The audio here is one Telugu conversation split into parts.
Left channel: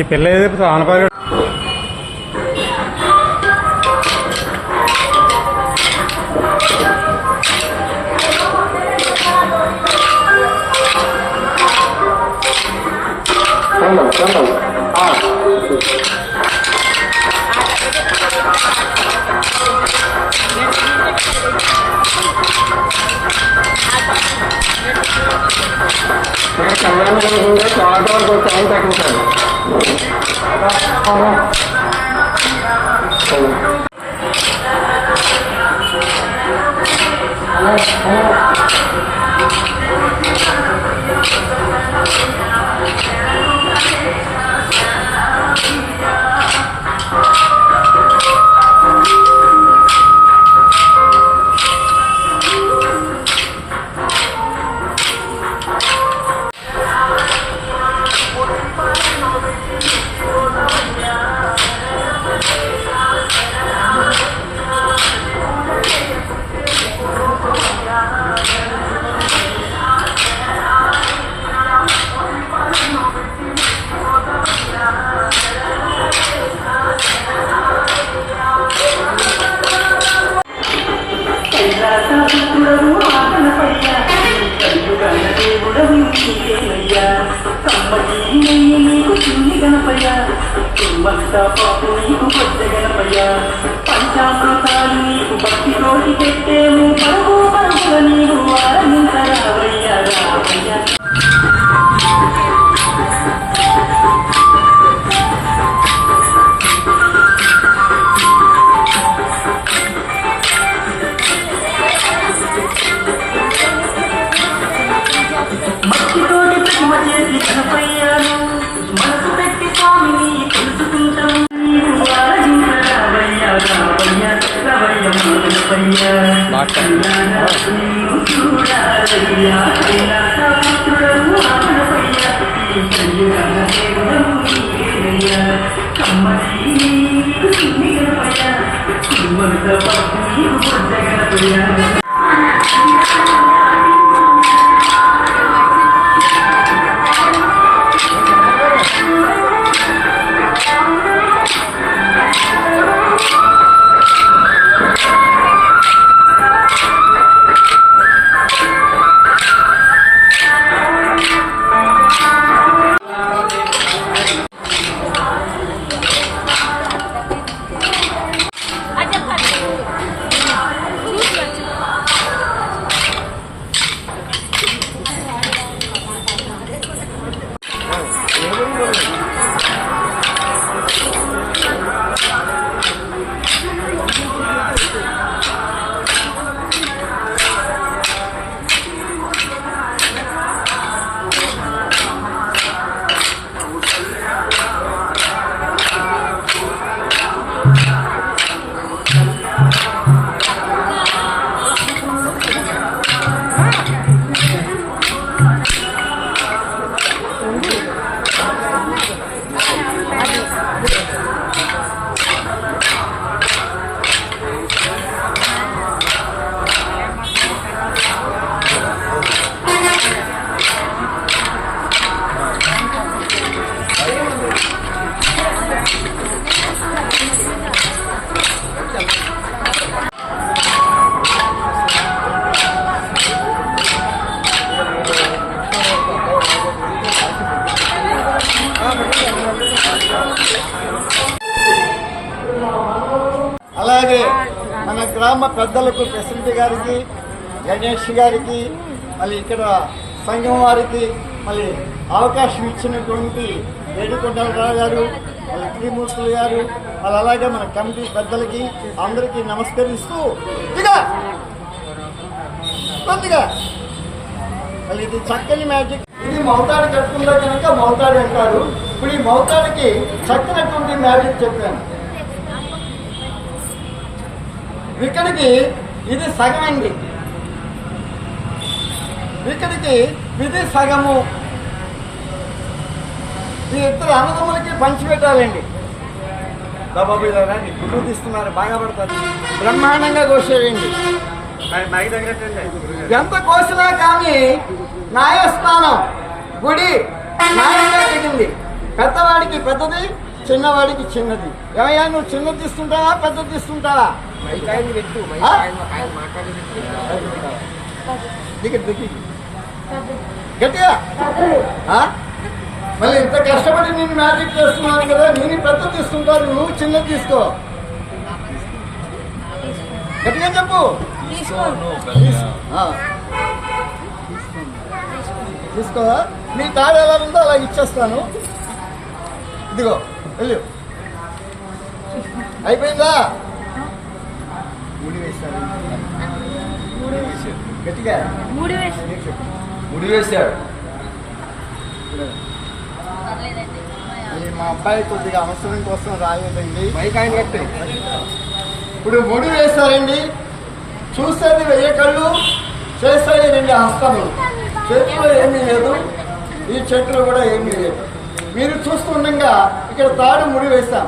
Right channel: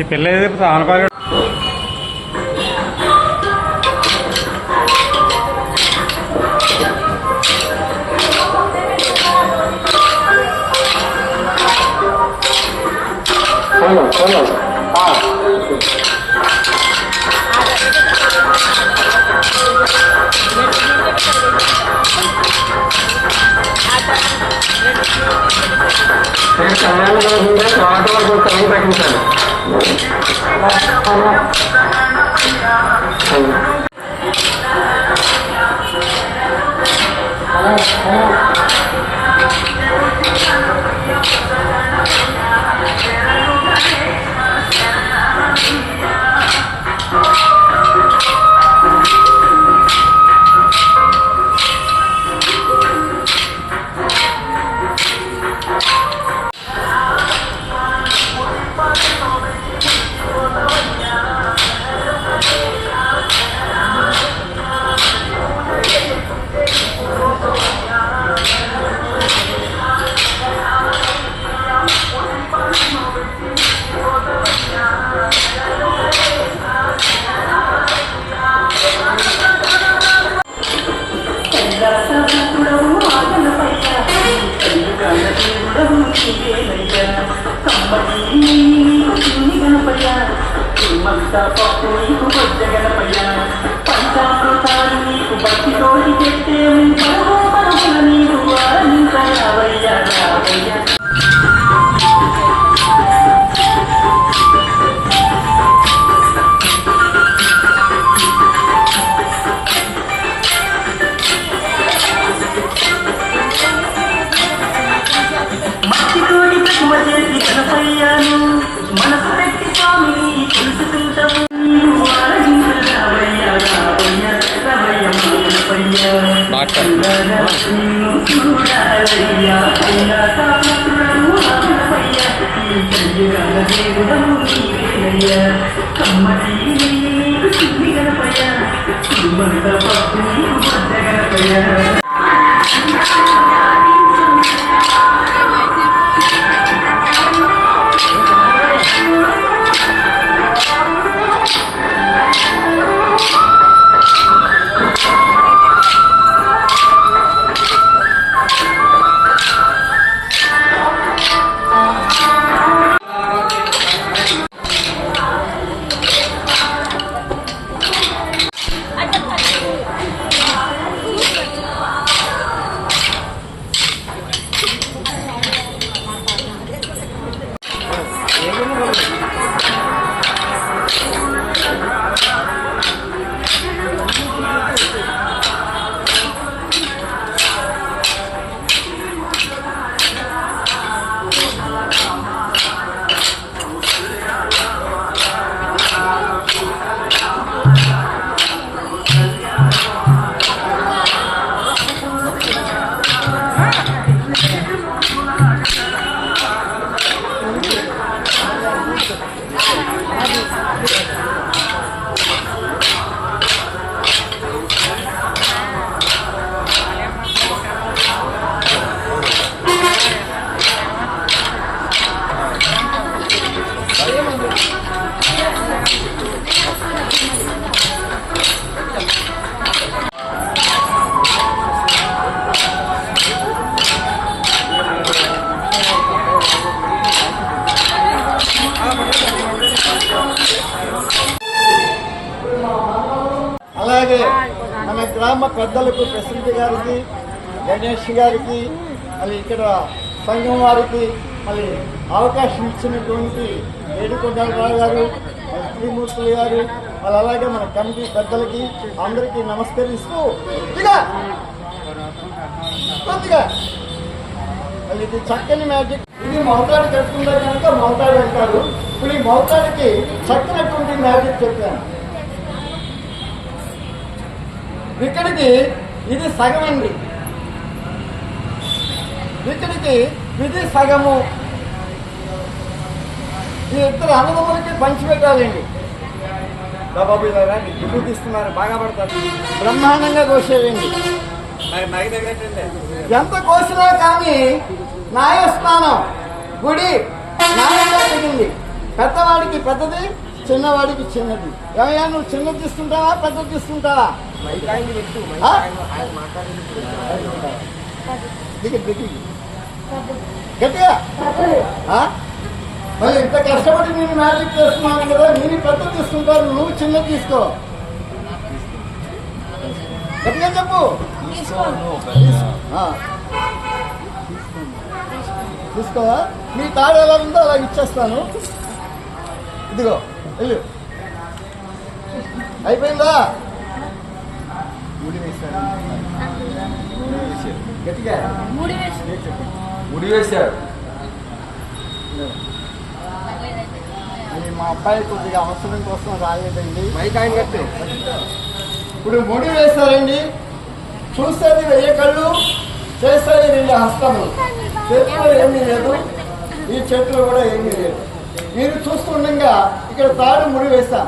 ఈ పిల్ల ఏదైతే ఆనపాలి కళ్యాణం జరుగుతుంటే తర్వాత వరకు వచ్చి తగ్గించాను. పంచామృతాలు నీకు భక్తి తోటి చెట్టేము పరమో పరముల నీవు ఆనందరవయ్య రావయ్య. భక్తితోటి ప్రతిమ చేసి కనపయ్యాను మనసు పెట్టి స్వామిని తెలుసుకుంటాము అలాగే మన గ్రామ పెద్దలకు ప్రెసిడెంట్ గారికి, గణేష్ గారికి, మళ్ళీ ఇక్కడ సంఘం వారికి మళ్ళీ అవకాశం ఇచ్చినటువంటి ఏడుకొండలరావు గారు, మళ్ళీ త్రిమూర్తులు గారు, మళ్ళీ అలాగే మన కమిటీ పెద్దలకి అందరికీ నమస్కరిస్తూ కొద్దిగా మళ్ళీ ఇది చక్కని మ్యాజిక్. ఇది మౌతాడు కట్టుకుందా కనుక మౌతాడు అంటారు. ఇప్పుడు ఈ మౌతాడికి చక్కనటువంటి మ్యాజిక్ చెప్పాను. ఇక్కడికి ఇది సగమండి, ఇక్కడికి ఇది సగము. ఈ ఇద్దరు అన్నదమ్ములకి పంచిపెట్టాలండి. బాబు ఇలా గుడ్డు తీస్తున్నారు, బాగా పడతారు, బ్రహ్మాండంగా దోషేయండి. ఎంత కోసినా కానీ న్యాయస్థానం గుడి న్యాయంగా పెట్టింది. పెద్దవాడికి పెద్దది, చిన్నవాడికి చిన్నది. ఏమయ్యా నువ్వు చిన్నది తీసుకుంటావా పెద్దది తీసుకుంటావా? ఆ? గట్టిగా ఆ? మళ్ళీ ఇంత కష్టపడి నేను మ్యాజిక్ చేస్తున్నాను కదా, నేను పెద్ద తీసుకుంటాను, నువ్వు చిన్నది తీసుకో. గట్టిగా చెప్పు. తీసుకోవా? నీ కార్డు ఎలా ఉందో అలా ఇచ్చేస్తాను. ఇదిగో వెళ్ళు. అయిపోయిందా? గట్టిగా ముడి వేశాడు. మా అబ్బాయి కొద్దిగా అవసరం కోసం రాలేదండి. ఇప్పుడు ముడి వేశారండి. చూసేది 1000 కళ్ళు, చేసేది 2 హస్తములు. చేతిలో ఏమీ లేదు, ఈ చేతిలో కూడా ఏమీ లేదు. మీరు చూస్తుండగా ఇక్కడ తాడు ముడి వేశాం.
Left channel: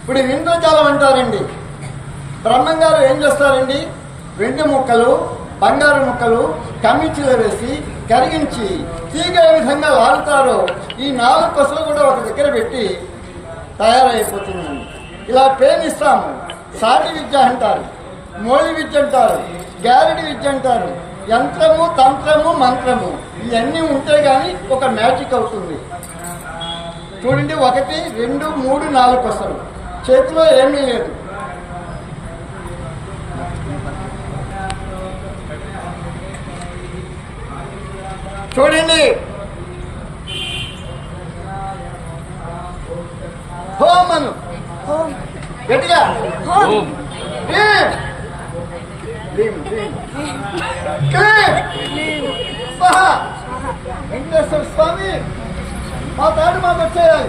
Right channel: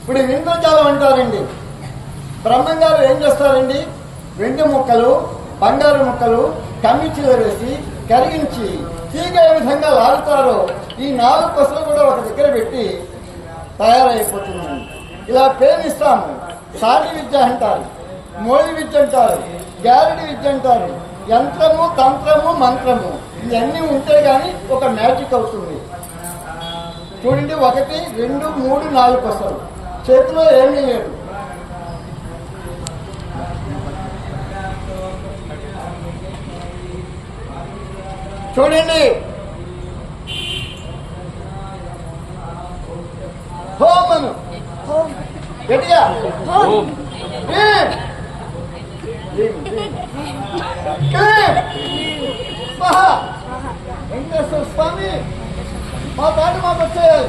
ఇప్పుడు ఇంద్రజాలం అంటారండి. బ్రహ్మంగారు ఏం చేస్తారండి? వెండి ముక్కలు, బంగారు ముక్కలు కమ్మిచ్చిలో వేసి కరిగించి తీగ ఏ విధంగా లాగుతారో ఈ 4 కొసలు కూడా ఒక దగ్గర పెట్టి తయారైపోతుందండి. ఇలా పేనిస్తాము. సాటి విద్య అంటారు, మోళి విద్య అంటారు, గ్యారెడి విద్య అంటారు. యంత్రము, తంత్రము, మంత్రము ఇవన్నీ ఉంటే గాని ఒక మ్యాజిక్ అవుతుంది. చూడండి, 1 2 3 4 కొసలు, చేతిలో ఏమీ లేదు. చూడండి, హోం అను గట్టిగా. వెంకటేశ్వర స్వామి మా తాడు మాకు వచ్చేయాలి.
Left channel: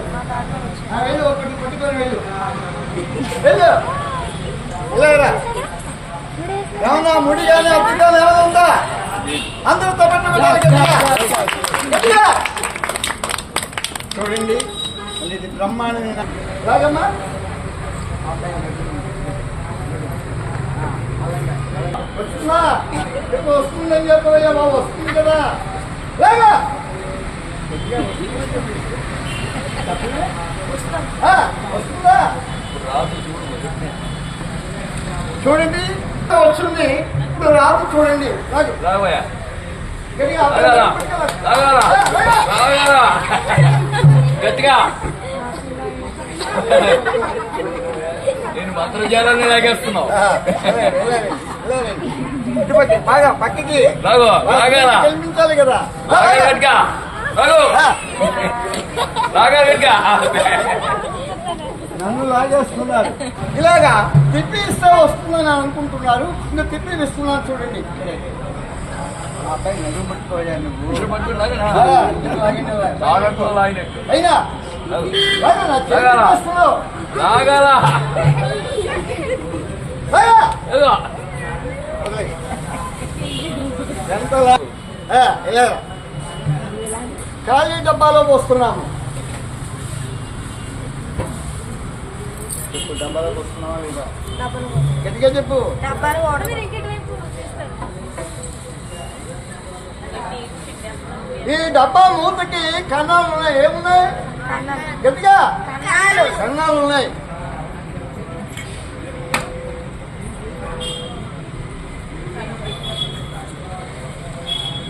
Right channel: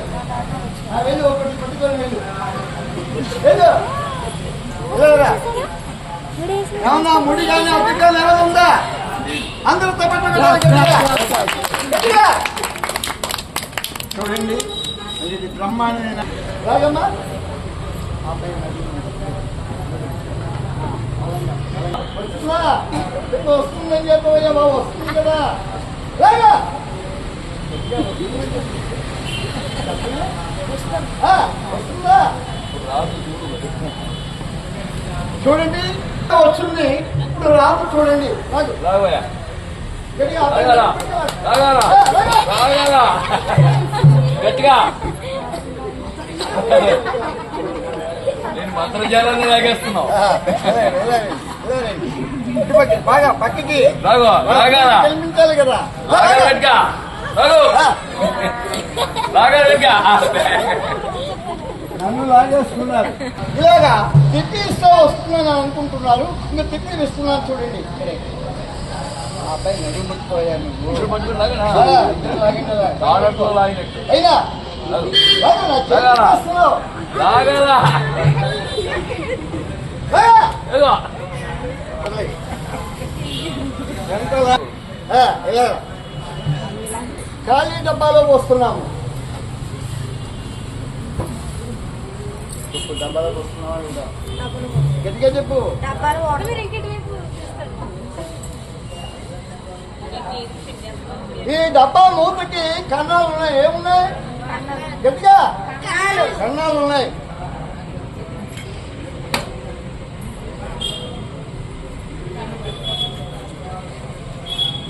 వెళ్ళు, ఒకటి పట్టుకొని వెళ్ళు. వెళ్ళు వెళ్ళరా. ఏమన్నా ముడి కానీ అద్దె కానీ ఏమైనా ఉందా? అందరూ చూడండి, ఇది బ్రహ్మాండమైన రాగమ్మా. వస్తుందా? వస్తుందని చెప్పవయ్యా బాబు. వస్తుంది కదా, రాగా వస్తుందా? చూడండి, వచ్చింది. ఇప్పుడు రాదు. చూడండి, గట్టిగా నేను మంత్రజాలాన్ని లాగేస్తున్నావు. బాగా పక్కకి కల్పించాలి కదా. నన్ను లాగేస్తున్నారు. ఇలాగా తిప్పి ఇస్తే వస్తుందని అనుకుంటున్నారు. ఇంకా తిప్పి ఇస్తున్నాను. చూడండి, ఆ అబ్బాయి నడుము పట్టుకోయా నువ్వు. అయినా ఖాళీ డబ్బాలో పోస్తున్నాము. చెప్పు, డబ్బాలో పోస్తున్నావా లేదా? గట్టిగా చెప్పు. ఈ డబ్బా మూతకి కన్నాలు ఉన్నాయి. ఏమున్నాయి? గట్టిగా కన్నాలు ఉన్నాయి.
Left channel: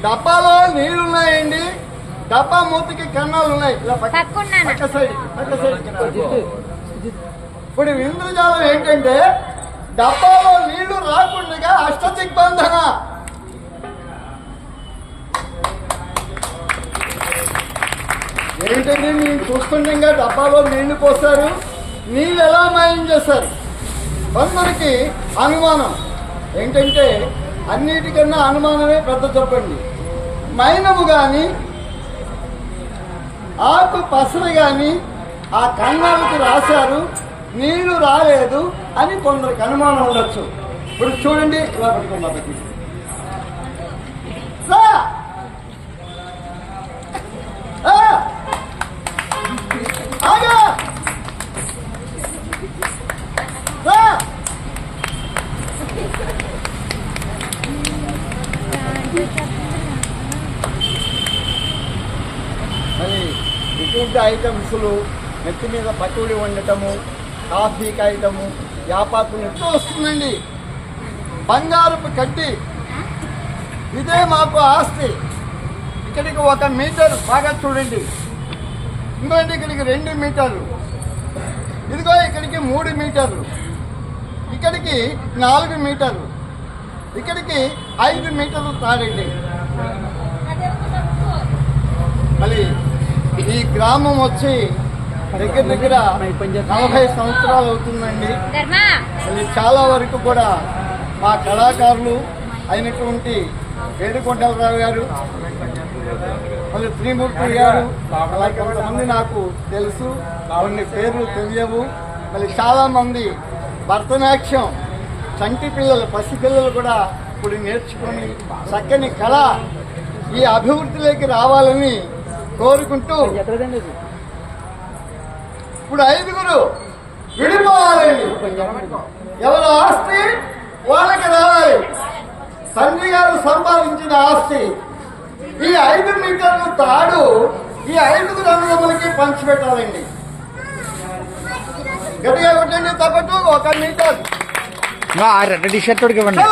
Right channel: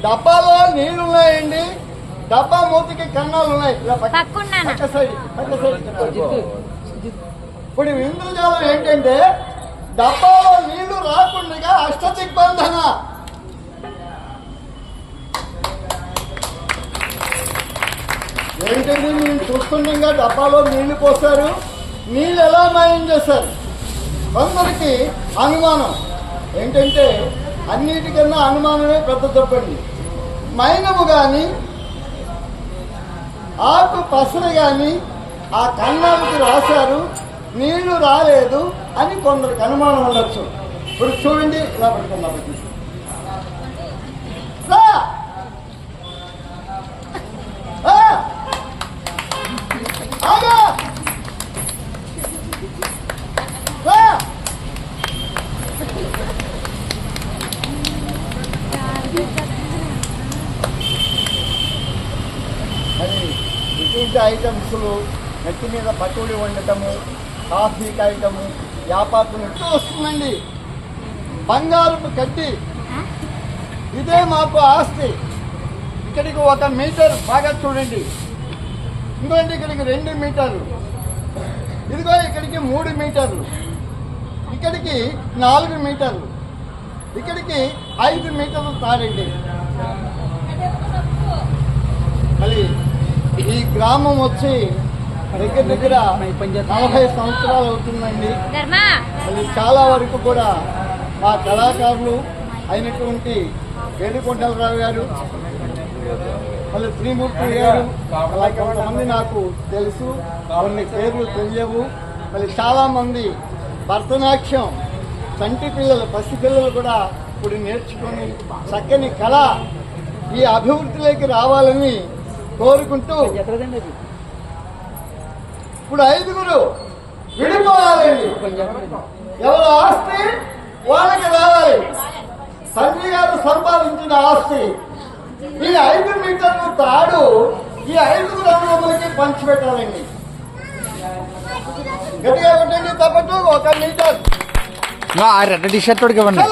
డబ్బాలో నీళ్లున్నాయండి. డబ్బా మూతకి కన్నాలు ఉన్నాయి. ఇలా పక్క సైడ్. ఇప్పుడు ఇంద్రజాలం ఏంటంటే డబ్బాలో నీళ్లు రాకుండా అష్టదిగ్బంధన. ఏంటంటే నేను చూస్తుండగా డబ్బాలో నీళ్లు పోసారు. నీళ్ళు ఎలా మాయం చేశారు? కొందరికి అనుమానం ఏంటంటే అన్నిటికన్నా అనుమానమే పెద్ద తప్పండి. మైనము కానీ ఆకు పసరు కానీ ఆ కన్నాలకు రాశారు, నీళ్లు రాలేదు అని కొందరికి అనుమానం ఉండొచ్చు. ఇప్పుడు చూడండి, ఇలా పట్టుకున్నా పెట్టి ఫుడ్ ఐటమ్స్లు, నెత్తి మీద పకోడీ వండటము, కాఫీ కాయటము, వ్యాపారం వస్తుందండి. బంగారపు కడ్డి, ఇదే మాకు ఆస్తి. ఇక్కడికి 1 మీటర్ బాగా చూడండి, ఇంకోటి ఇక్కడికి 2 మీటర్లు, ఇదిగో ఇక్కడికి 3 మీటర్లు, ఇక్కడికి 4 మీటర్లు, ఇక్కడికి 5 మీటర్లు తాడండి. మళ్ళీ ఈ గ్రామం వచ్చి దగ్గర దగ్గర 40 సంవత్సరాలు అవుతుందండి. మళ్ళీ చాలా వరకు కూడా మా కళాకారులు అయినటువంటి వేడుకొండలరావు గారు, మళ్ళీ త్రిమూర్తి గారు, అలా కొంతమంది నాకు తెలుసు, కొన్ని పేర్లు తెలియవు. మళ్ళీ చాలా మంది భరతనాట్యం చంటి పిల్లలు, పసిపిల్లలు కూడా ఇప్పుడు నేర్చుకొని చక్కని కళ ఈ అభివృద్ధిలోకి రావాలని కోరుకుంటూ, ఇప్పుడు 5 విడిపోవాలండి. ఎవరి ఆస్తి వాళ్ళకి రావాలి. తండ్రి గారు సంపాదించిన ఆస్తి ఈ 5 మీటర్లు తాడు ఈ 5 అన్నదమ్ములకి పంచిపెట్టాలండి. గట్టిగా కొట్టండి, తప్పట్టు 1 మీటర్, రెడ్ షర్ట్ ఇవ్వండి.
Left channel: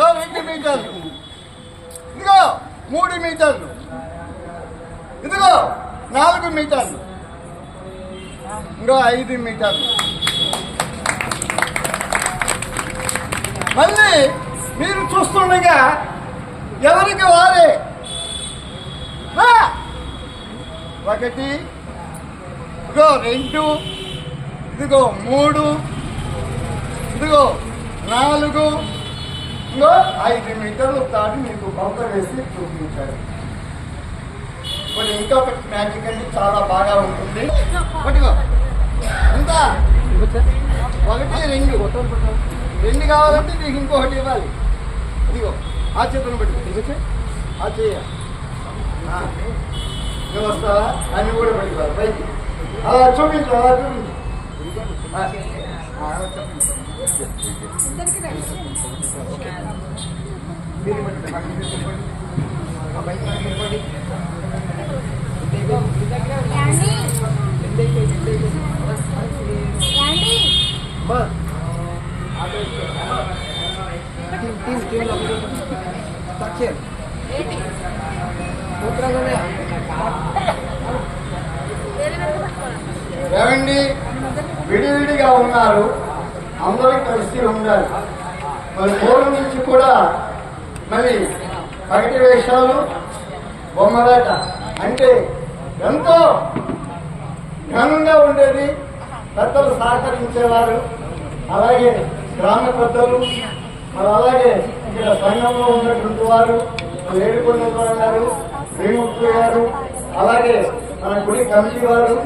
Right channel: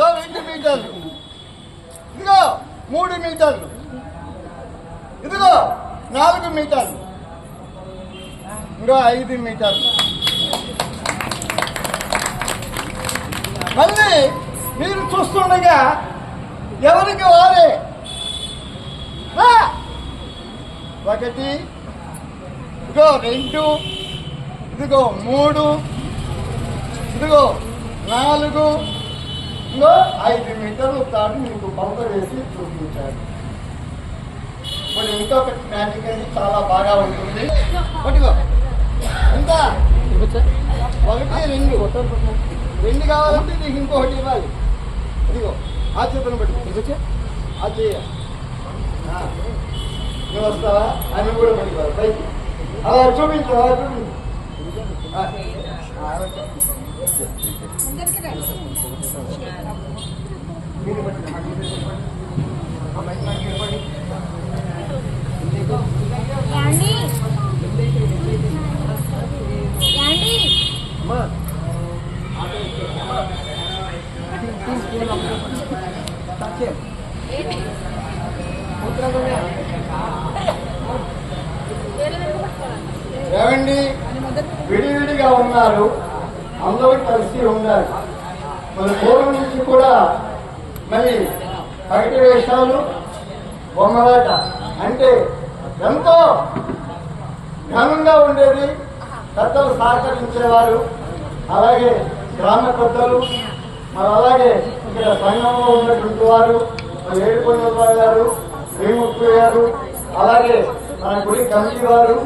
2 మీటర్లు, ఇదిగో 3 మీటర్లు, ఇదిగో 4 మీటర్లు, ఇంకో 5 మీటర్లు. మళ్ళీ మీరు చూస్తుండగా ఎవరికి వారే 1, ఇదిగో 2, ఇదిగో 3, ఇదిగో 4, ఇంకో 5 మీటర్లు తాటి మీకు కొలత వేసి చూపించారు. ఇప్పుడు ఇంకొకటి మ్యాజిక్ అండి, చాలా బాగా ఉంటుంది. పట్టుకో, ఎంత 1, 2 కావాలంటే నీకు ఇంకొకటి ఇవ్వాలి. ఇదిగో ఆ చేతులను పెట్టుకో, ఆ చెయ్య నువ్వు వస్తావా అన్ని కూడా పెట్టుకోవాలి పైకి. అలా చూపించు, అలా చూపించు. ఏమండి, విడివిడిగా ఉన్నారు, అందరూ కలిసి ఉండాలి. మరి పూర్వం నుంచి కూడా మరి బయట వేషాలు, బొమ్మలాట అంటే ఎంతో ఘనంగా ఉండేది. పెద్దలు సహకరించేవారు, అలాగే గ్రామ పెద్దలు, మరి అలాగే ఇక్కడ సంఘంలో ఉన్నటువంటి వారు, మరి ఏడుకొండలరావు గారు, శ్రీమూర్తి గారు, అలాగే మన గుడి కమిటీ వారు,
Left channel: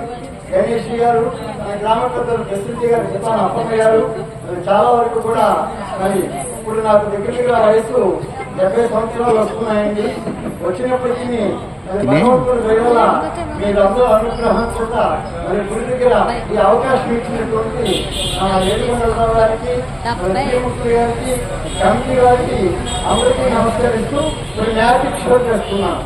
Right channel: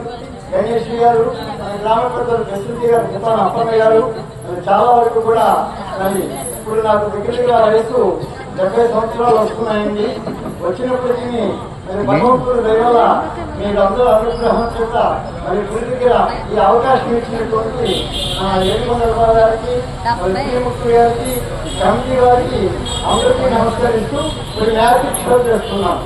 గణేష్ గారు, మన గ్రామ పెద్దలు ప్రసిద్ధి గారు, చిత్తాన అప్పన్న గారు, మరి చాలా వరకు కూడా మరి ఇప్పుడు నాకు దగ్గర వయసు 70 సంవత్సరాలు వస్తున్నాయండి. వచ్చినప్పటికీ మరి భగవంతుడు దయవల్ల మీరందరూ అనుగ్రహం చేత మరి గుడి దగ్గర ఈ అవకాశం ఇచ్చినటువంటి ఏడుకొండలరావు గారికి, మరి శ్రీముక్తి గారికి, కమిటీ గారికి అందరికీ నమస్కరిస్తూ కొన్ని మ్యాజిక్ షో చేస్తున్నాం.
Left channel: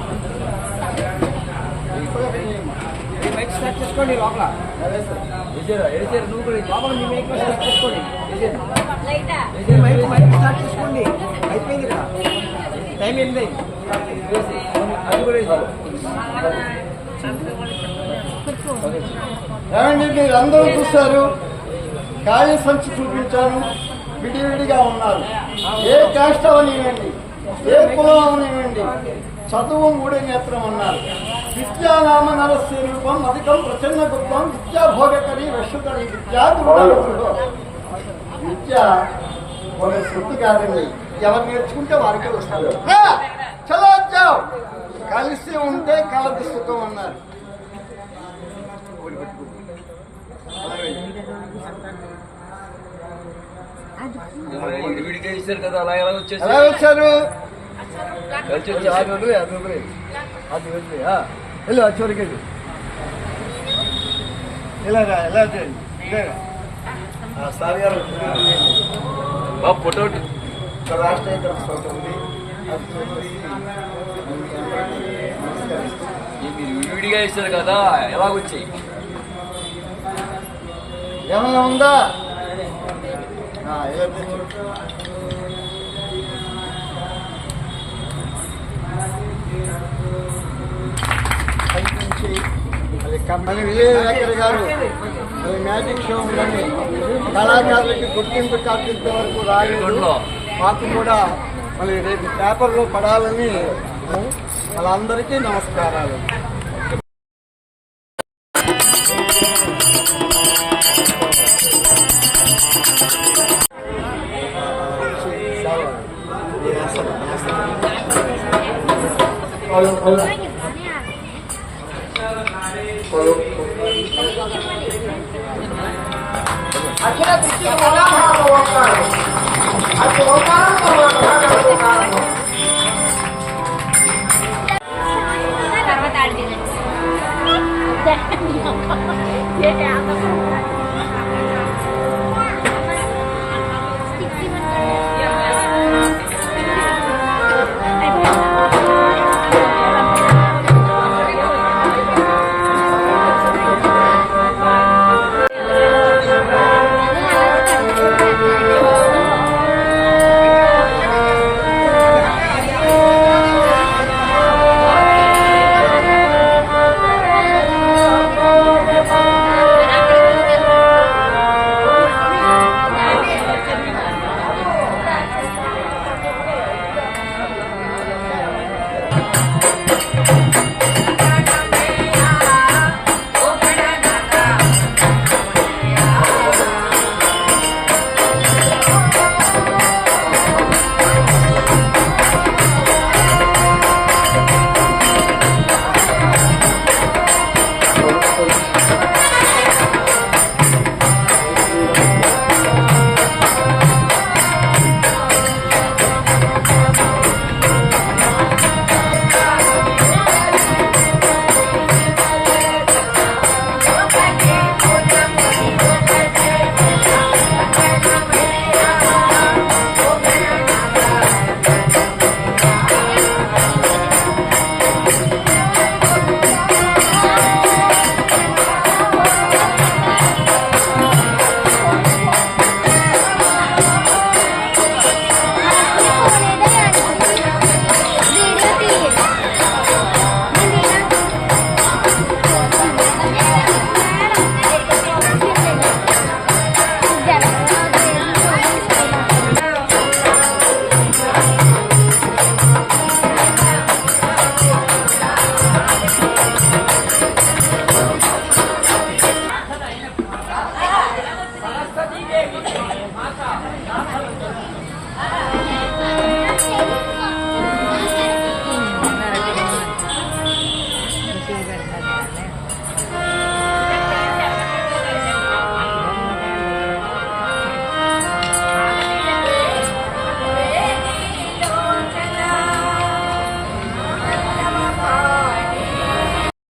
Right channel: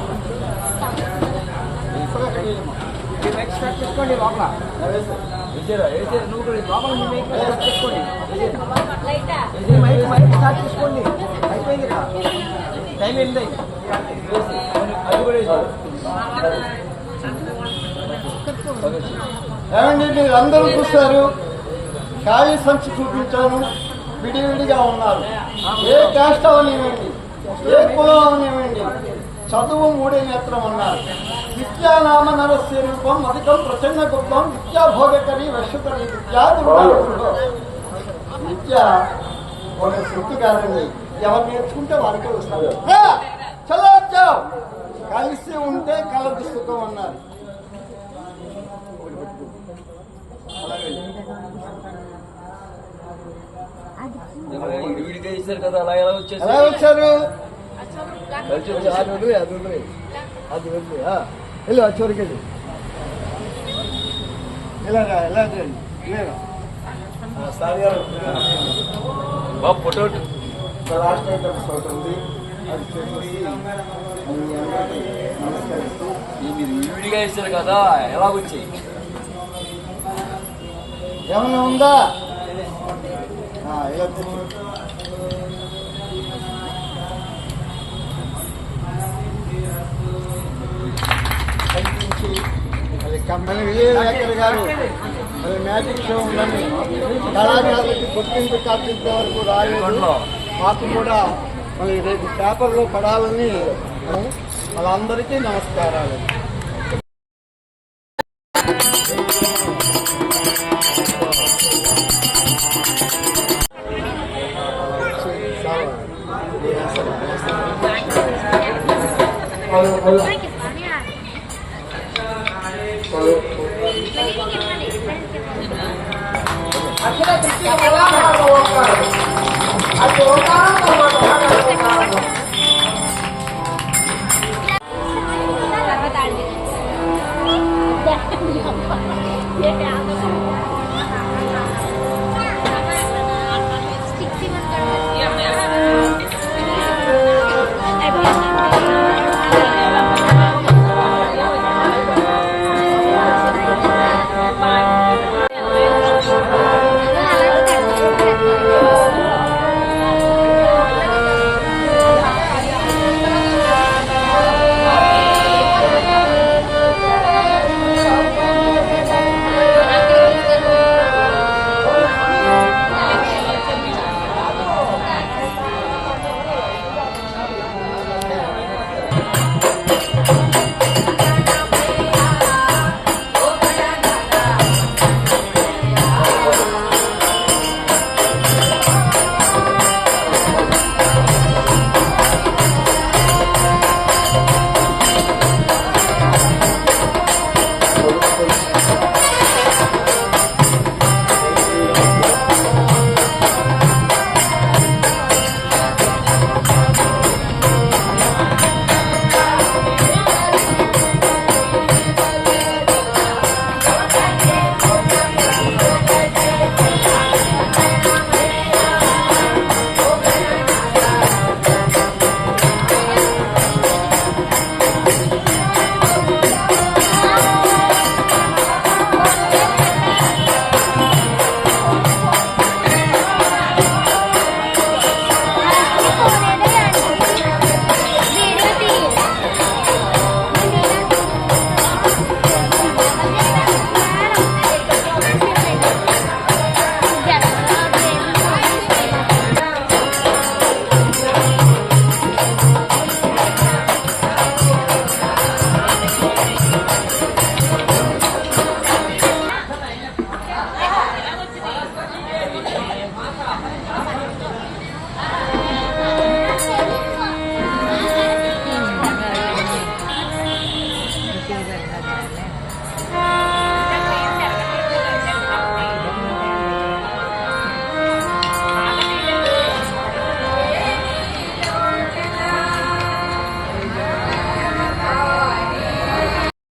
నువ్వు కూడా లోపల మీ చేసుకోండి, అయిపోయింది కదా, టైం ఏంటి అది కూడా. ఏమండి, మీరు అందరూ చూస్తారు, ఖాళీ సంచి చూపించాను, విడివిడిగా ఉన్నారు. ఏ క్యాస్ట్ అవనివ్వండి, ఏ కులం అవనివ్వండి, చదువు 3 నేత్రం అన్నారు. విద్యానామ నరస్య రూపం అధికం ప్రచన్న గొప్పం విద్యాభోగకరి వశుకరి విద్యా విద్య ఒక శక్తి కాదండి, ఎవరు నేర్చుకుంటే వారికి వస్తారు. చలో కలిసి ఉంటే కలదు సుఖం అన్నారు. విడిగా ఇచ్చారు కదా, అలా ఎలా వచ్చేసి ఎలా వచ్చారు? కలిసి వచ్చి అది వెళ్ళు, ఆ చివరికి ఎలా చేయండి సార్ గారు. ఫోటో రాష్ట్ర ఫోటో ఉంది, అది మీరు విడిగా ఇస్తారు కదా ఎలాగొచ్చాయి? ఏమైనా ఉందా? ఇలా కనిపించి అది కంపెనీ విజయనగర్ గారు అది మ్యాజిక్ షో ఉందని కళాకారులకి గుర్తింపు కల్పించే వరకు రాలేదు. మాకు కూడా మళ్ళీ రేపు పేపర్లో పడాలని వాళ్ళందరికీ నమస్కారాలు. అక్కడ